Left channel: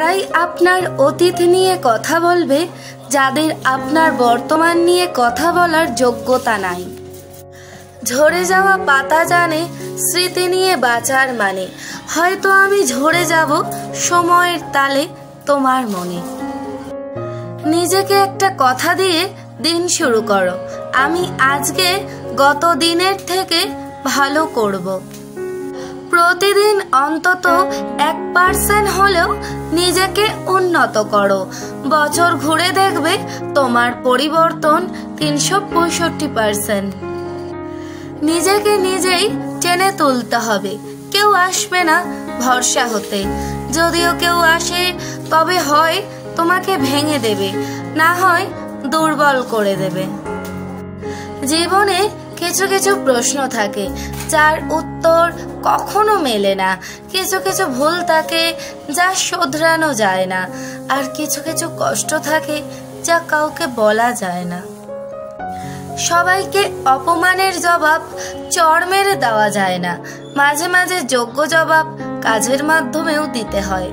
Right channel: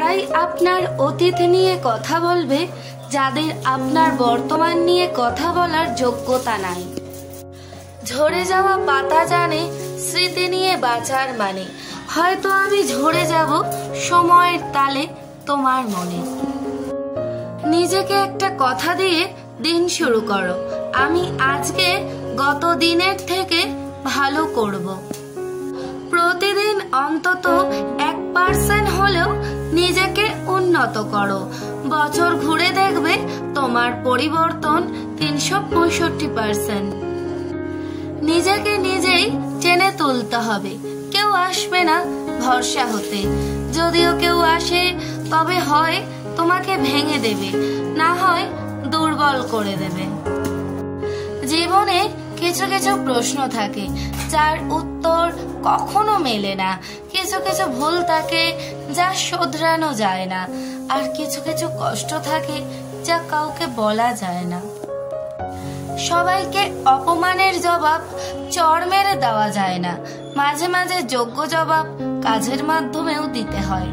তারাই আপনার অতীত নিয়ে কথা বলবে যাদের আপনার বর্তমান নিয়ে কথা বলার যোগ্যতা নাই। ঝরে যাওয়া পাতা জানে স্মৃতি নিয়ে বাঁচার মানে। হয়তো আমি ঝরে যাব সময়ের তালে তোমার মনে। নিজেকে একটা কথা দিয়ে দিন শুরু করো, আমি আজকে গত দিনের থেকে ভালো করব। প্রতিদিন অন্তত 1% হলেও নিজেকে উন্নত করো। বছর ঘুরে দেখবে তোমার পরিবর্তন 365%। নিজেকে নিজেই টেনে তুলতে হবে, কেউ আসবে না ভরসা হতে। যদিও কেউ আসে তবে হয় তোমাকে ভেঙে দেবে, না হয় দুর্বল করে দেবে। জীবনে কিছু কিছু প্রশ্ন থাকে যার উত্তর কখনো মেলে না। কিছু কিছু ভুল থাকে যা শোধরানো যায় না। আর কিছু কিছু কষ্ট থাকে যা কাউকে বলা যায় না। সবাইকে অপমানের জবাব চড় মেরে দেওয়া যায় না। মাঝে মাঝে যোগ্য জবাব কাজের মাধ্যমেও দিতে হয়।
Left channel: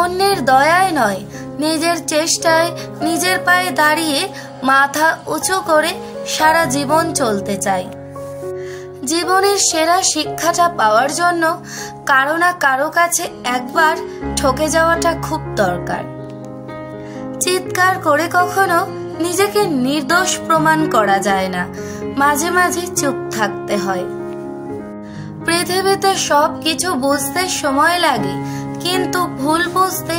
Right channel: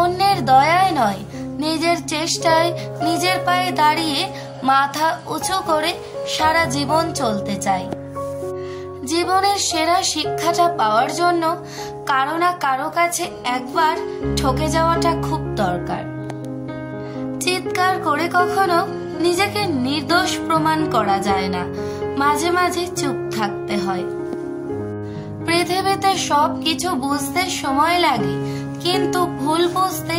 অন্যের দয়ায় নয়, নিজের চেষ্টায় নিজের পায়ে দাঁড়িয়ে মাথা উঁচু করে সারা জীবন চলতে চাই। জীবনের সেরা শিক্ষাটা পাওয়ার জন্য কারো না কারো কাছে একবার ঠকে যাওয়াটা খুব দরকার। চিৎকার করে কখনো নিজেকে নির্দোষ প্রমাণ করা যায় না, মাঝে মাঝে চুপ থাকতে হয়। পৃথিবীতে সব কিছু বুঝতে সময় লাগে, কিন্তু ভুল বুঝতে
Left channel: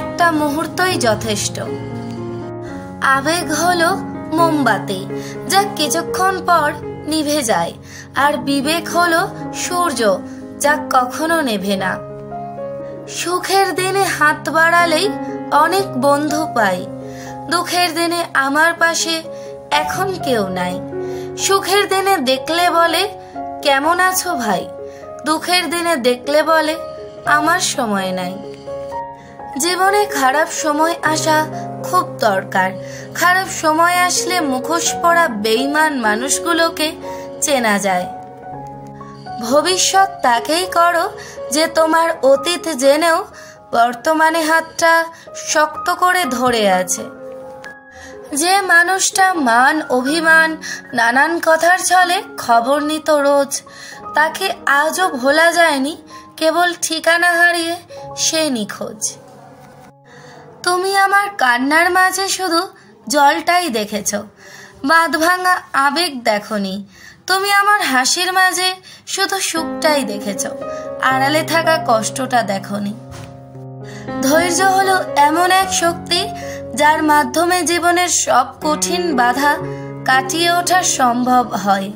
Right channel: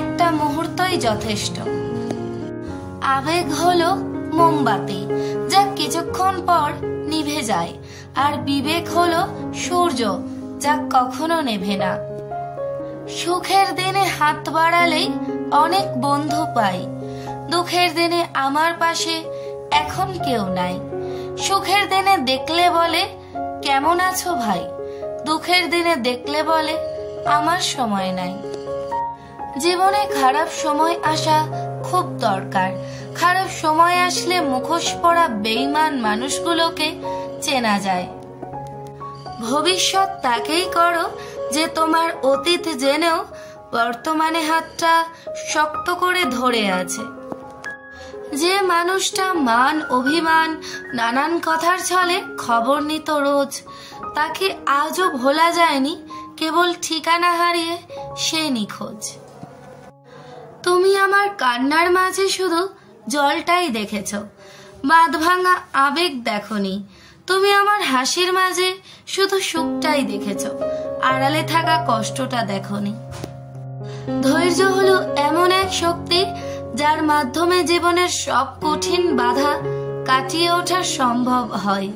একটা মুহূর্তই যথেষ্ট। আবেগ হলো মোমবাতি যা কিছুক্ষণ পর নিভে যায়, আর বিবেক হলো সূর্য যা কখনো নেভে না। সুখের দিনে হাত বাড়ালেই অনেক বন্ধু পাই, দুঃখের দিনে আমার পাশে এখন কেউ নাই। সুখের দিনে দেখলে বলে কেমন আছো ভাই, দুঃখের দিনে দেখলে বলে আমার সময় নাই। জীবনে খারাপ সময় আসা খুব দরকার। খারাপ সময় আসলে মুখোশ পরা বেঈমান মানুষগুলোকে চেনা যায়। ভবিষ্যৎ তাকেই করো যে তোমার অতীত জেনেও বর্তমানে হাতটা শক্ত করে ধরে আছে। যে মানুষটা মান অভিমান নানান কথার ছলে খবর নিত রোজ, তাকে আজও ভোলা যায়নি, কেবল ঠিকানা হারিয়ে সে নিখোঁজ। তুমি আমার কান্নার মাঝে শুধু জলটাই দেখেছ, বাঁধ ভাঙা আবেগ দেখনি। তুমি আমার হাসির মাঝে শুধু সুখটাই দেখেছ, আড়ালে থাকা কষ্টটা দেখনি। ধৈর্য হলো এমন এক শক্তি যার মাধ্যমে জীবনের সব কঠিন বাধা কাটিয়ে ওঠা সম্ভব হয়।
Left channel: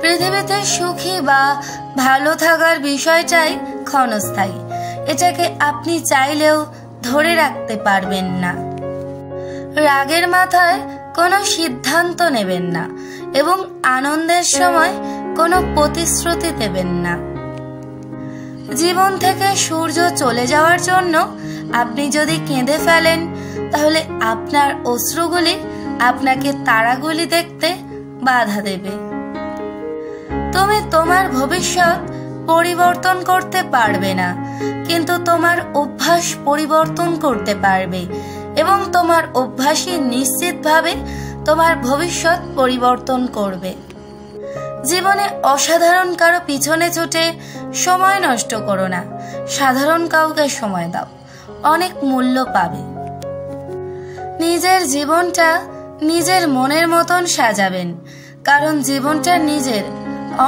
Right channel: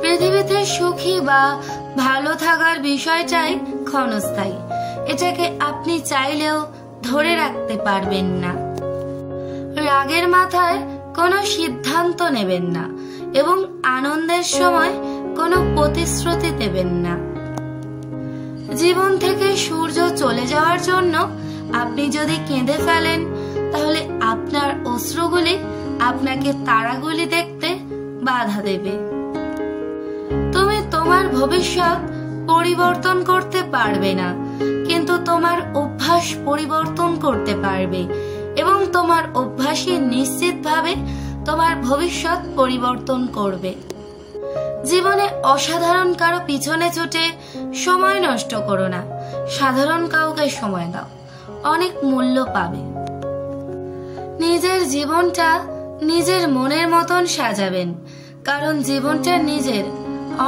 পৃথিবীতে সুখী বা ভালো থাকার বিষয়টাই ক্ষণস্থায়ী, এটাকে আপনি চাইলেও ধরে রাখতে পারবেন না। রাগের মাথায় কোনো সিদ্ধান্ত নেবেন না এবং আনন্দের সময় কোনো প্রতিশ্রুতি দেবেন না। জীবন থেকে সূর্য চলে যাওয়ার জন্য আপনি যদি কেঁদে ফেলেন, তাহলে আপনার অশ্রুগুলি আপনাকে তারাগুলি দেখতে বাধা দেবে। তুমি তোমার ভবিষ্যৎ পরিবর্তন করতে পারবে না, কিন্তু তোমার অভ্যাস পরিবর্তন করতে পারবে, এবং তোমার অভ্যাসই নিশ্চিতভাবে তোমার ভবিষ্যৎ পরিবর্তন করবে। জীবনে অসাধারণ কারো পিছনে ছুটে সময় নষ্ট করো না, সাধারণ কাউকে সময় দাও, অনেক মূল্য পাবে। নিজের জীবনটা নিজের মনের মতন সাজাবেন, কারণ জীবনটা নিজের,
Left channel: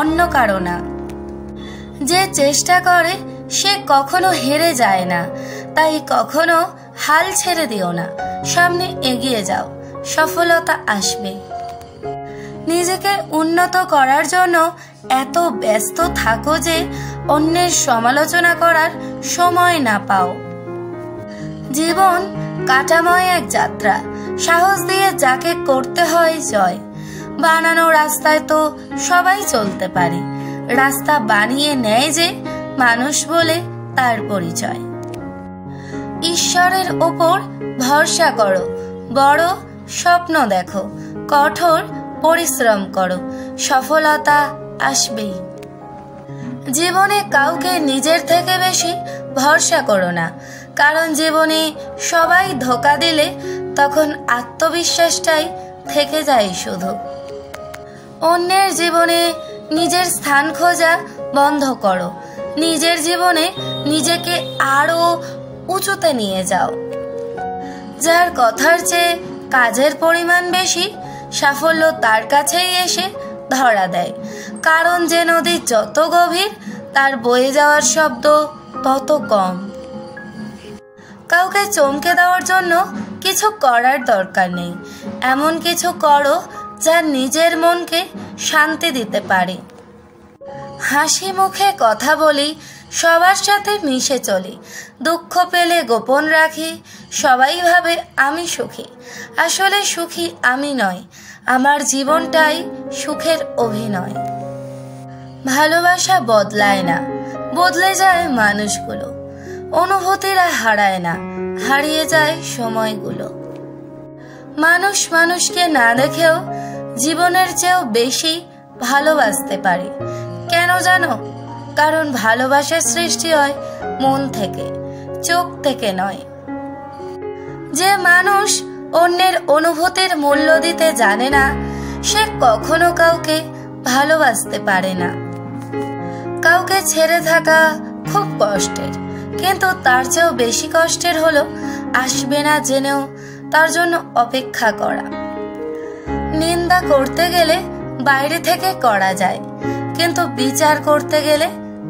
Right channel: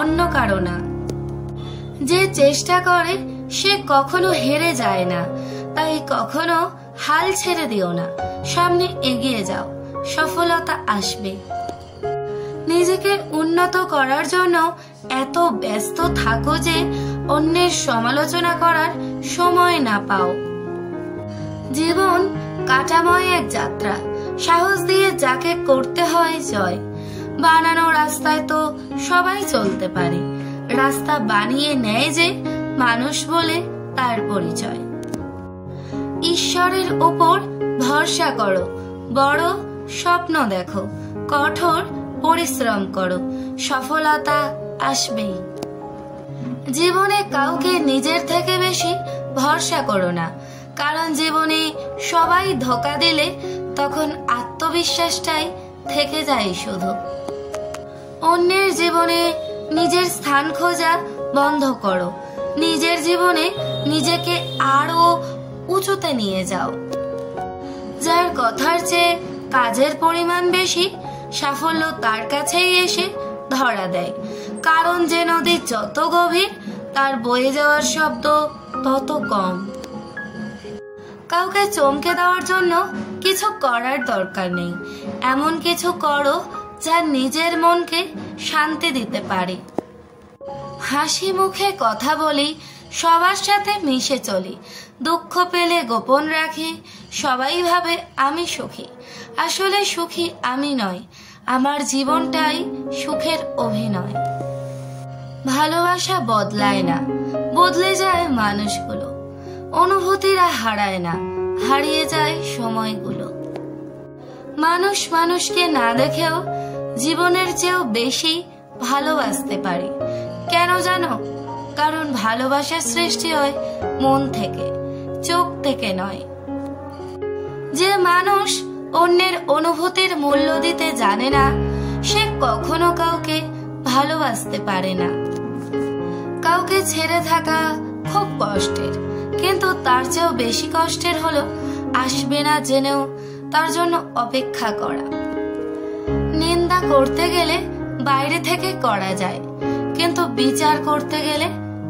অন্য কারো না। যে চেষ্টা করে সে কখনো হেরে যায় না, তাই কখনো হাল ছেড়ে দিও না, সামনে এগিয়ে যাও, সফলতা আসবে। নিজেকে উন্নত করার জন্য এত ব্যস্ত থাকো যে অন্যের সমালোচনা করার সময় না পাও। জীবন কাটাময় এক যাত্রা, সাহস দিয়ে যাকে করতে হয় জয়। বানানো রাস্তায় তো সবাই চলতে পারে, রাস্তা বানিয়ে নেয় যে মানুষ বলে তার পরিচয়। ঈশ্বরের ওপর ভরসা করো, বড় স্বপ্ন দেখো, কঠোর পরিশ্রম করো, সফলতা আসবেই। জীবনে কাউকে নিজের থেকে বেশি ভরসা করো না, কারণ জীবনে সবাই ধোঁকা দিলে তখন আত্মবিশ্বাসটাই থেকে যায় শুধু। অন্যের জীবনে নিজের স্থান খোঁজা বন্ধ করো, নিজের জীবনে নিজেকে আরো উঁচুতে নিয়ে যাও। যার কথার চেয়ে কাজের পরিমাণ বেশি, সাফল্য তার কাছেই এসে ধরা দেয়, কারণ যে নদী যত গভীর তার বয়ে যাওয়ার শব্দ তত কম। কাউকে চমকে দেওয়ার জন্য কিছু করার দরকার নেই, এমন কিছু করো যা নিজের মনকে শান্তি দিতে পারে। হাসি মুখে কথা বলি, সবার সাথে মিশে চলি, দুঃখ পেলে গোপন রাখি, সবাই ভাবে আমি সুখী, আসলে সুখী আমি নয়, আমার জীবনটাই সুখের অভিনয়। ভালোবাসা বদলায় না, বদলে যায় মানুষগুলো, অনুভূতিরা হারায় না, হারিয়ে যায় সময়গুলো। মানুষ মানুষকে না দেখেও জীবনের চেয়েও বেশি ভালোবাসতে পারে। কেন জানো? কারণ ভালোবাসার সৃষ্টি হয় মন থেকে, চোখ থেকে নয়। যে মানুষ অন্যের অনুভূতির মূল্য দিতে জানে না, সে কখনো কাউকে ভালোবাসতে পারে না। কাউকে ছেড়ে থাকা খুব কষ্টের, কিন্তু তার চেয়েও বেশি কষ্টের হলো আসবে না জেনেও তার জন্য অপেক্ষা করা। নিন্দা করতে গেলে বাইরে থেকে করা যায়, কিন্তু বিচার করতে গেলে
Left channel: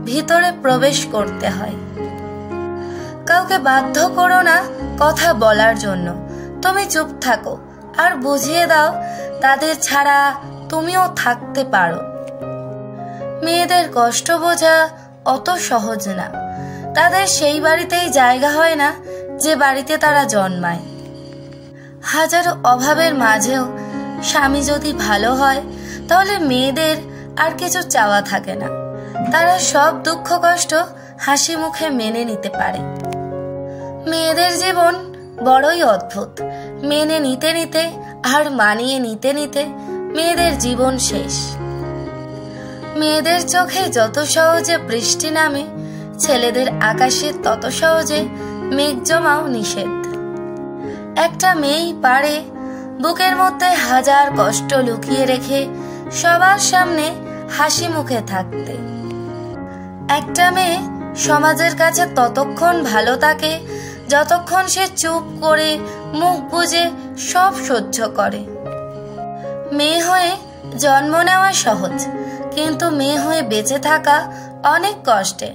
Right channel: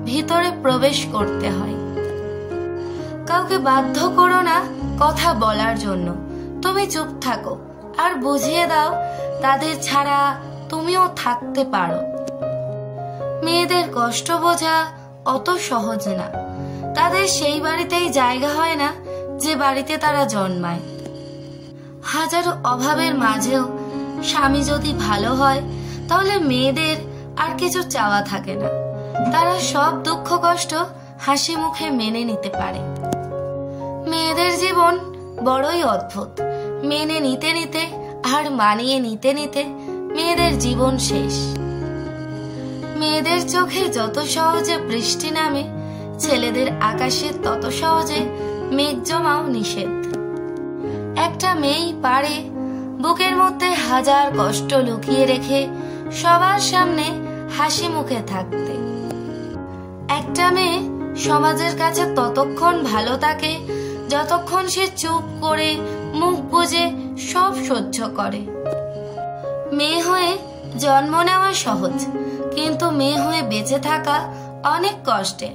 ভিতরে প্রবেশ করতে হয়। কাউকে বাধ্য করো না কথা বলার জন্য, তুমি চুপ থাকো আর বুঝিয়ে দাও তাদের ছাড়া তুমিও থাকতে পারো। মেয়েদের কষ্ট বোঝা অত সহজ না, তাদের সেই বাড়িতেই জায়গা হয় না যে বাড়িতে তারা জন্মায়। হাজারো অভাবের মাঝেও স্বামী যদি ভালো হয়, তাহলে মেয়েদের আর কিছু চাওয়া থাকে না, তারা সব দুঃখ কষ্ট হাসি মুখে মেনে নিতে পারে। মেয়েদের জীবন বড়ই অদ্ভুত, মেনে নিতে নিতে আর মানিয়ে নিতে নিতে মেয়েদের জীবন শেষ। মেয়েদের চোখে যত সহজে বৃষ্টি নামে, ছেলেদের আকাশে তত সহজে মেঘ জমাও নিষেধ। একটা মেয়েই পারে বুকের মধ্যে হাজার কষ্ট লুকিয়ে রেখে সবার সামনে হাসি মুখে থাকতে। একটা মেয়ে সমাজের কাছে ততক্ষণ ভালো থাকে যতক্ষণ সে চুপ করে মুখ বুজে সব সহ্য করে। মেয়ে হয়ে জন্ম নেওয়া সহজ, কিন্তু মেয়ে হয়ে বেঁচে থাকা অনেক কষ্টের।